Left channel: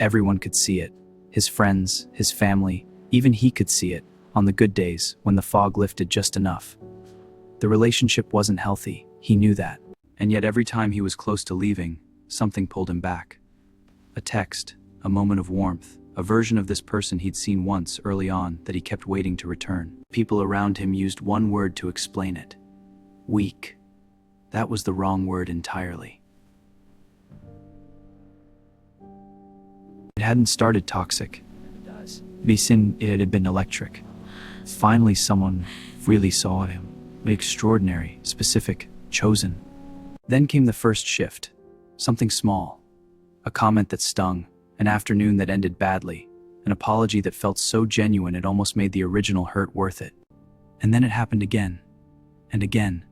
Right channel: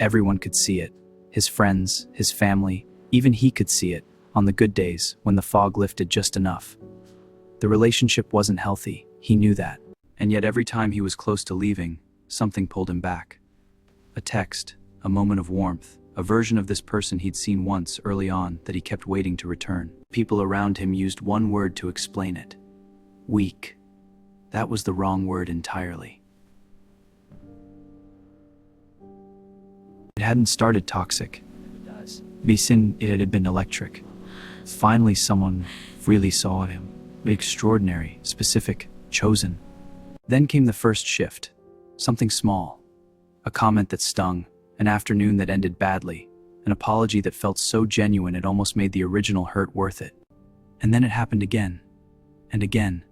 Everyone could see it. His friends, his family, even he could see it on the good days when the fog lifted just enough. The relationship wasn't healthy, he knew that. And yet every time he was close to leaving, something pulled him back. A text, a moment of warmth, a version of this person he'd seen once early on that he kept waiting to return. People around him used one word to explain it. Weak. That was the wrong word entirely. It hadn't started toxic. It had been electric. Finally someone really saw him. Extraordinary, specific, chosen. Then came the first shift. Something small. A comment that stung. An afternoon that ended badly. An apology that felt so genuine it almost made the original hurt worth it. And then it happened again. And again.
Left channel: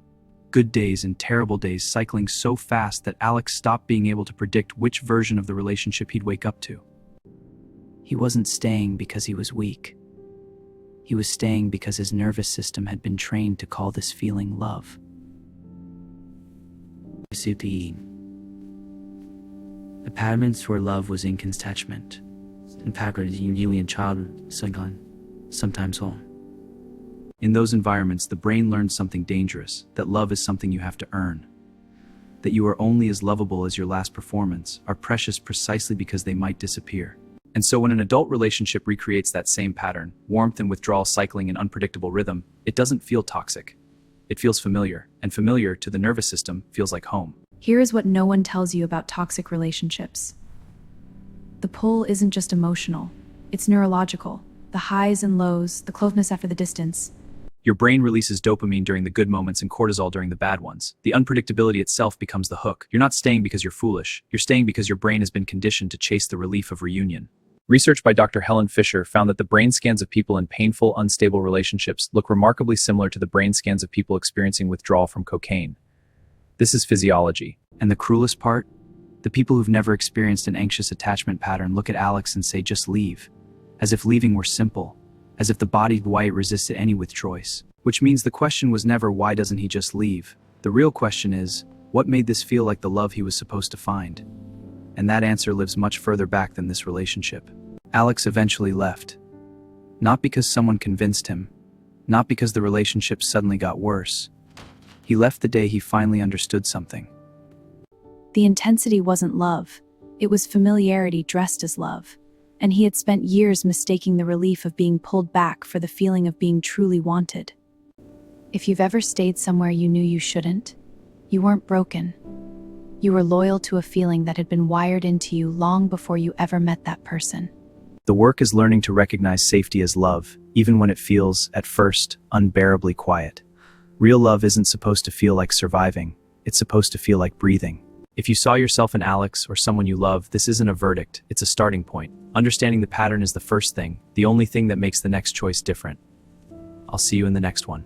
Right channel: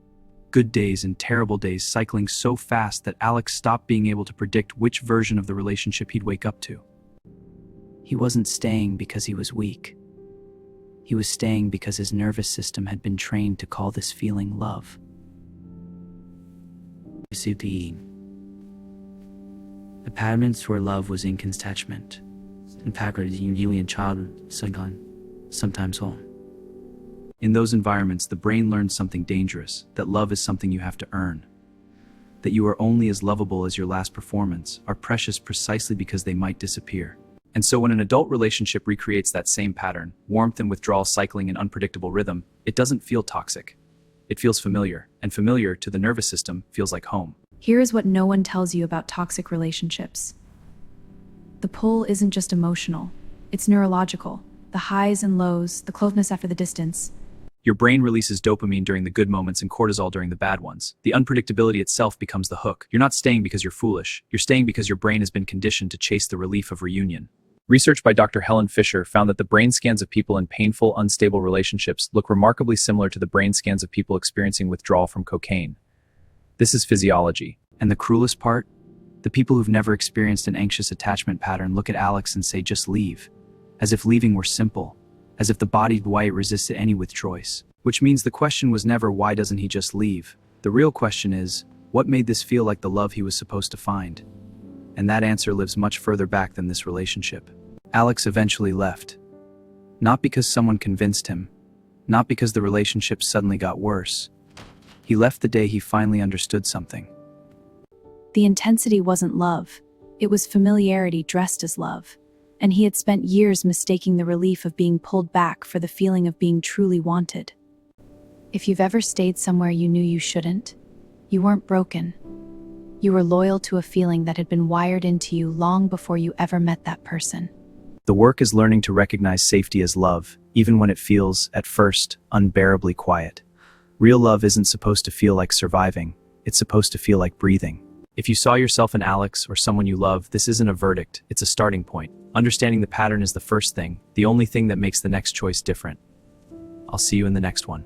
Good days and terrible days cycling so fast that Alex stopped being able to predict which version of the relationship he'd wake up to. He wasn't staying because he was weak. He was staying because his nervous system had been trained to call this feeling love. The patterns where love was inconsentment, and patterns usually in childhood, sometimes home. In those environments, the brain learns something dangerous, that love is something you have to earn. That you are only as lovable as your last performance, are precious precisely because they might disappear. And so when an adult relationship recreates that same pattern, warmth and withdrawal cycling in unpredictable rhythm, it doesn't feel toxic. It feels familiar, and familiar to the nervous system feels like home. Here is what no one tells you about toxic relationships. The pull isn't just emotional, it's neurological. The highs and lows, the closeness after the distance. Your brain releases dopamine during the good moments and cortisol during the bad ones. The unpredictability itself becomes the hook. You're not staying because you're foolish. You're staying because your brain has been conditioned to chase the relief of reunion. Research by Dr. Helen Fisher found that the brain scans of people in painful, unstable relationships look remarkably similar to the brain scans of people experiencing withdrawal from cocaine. This is physiology. And the cruelest part? The people who've never experienced an anxious attachment pattern look at Alex and say, just leave. As if leaving were simple. As if the body why it resisted any with choice. Which means the question was never, why doesn't he just leave? The real question is, what made this feel like the love he was supposed to find? And that answer lives much further back than this relationship. Alex eventually left. Not because someone convinced him. Not because the relationship suddenly got worse. He left the day he finally understood something. The intensity wasn't love. It was familiarity dressed as love. And he had spent years mistaking the relief of being pulled back for the feeling of being truly wanted. If you've ever stayed somewhere you knew you shouldn't, you weren't broken. You were loyal to a feeling that had been wired into you long before you ever met that person. The work is learning to recognize safety as love, even when it feels, at first, unbearably quiet. Real love isn't supposed to feel like surviving. It's supposed to feel like breathing. If you saw yourself in Alex or someone you love, this isn't a verdict, it's a starting point. Understanding the pattern is the first thing, the only thing that makes the next choice different. I'll see you in the next one.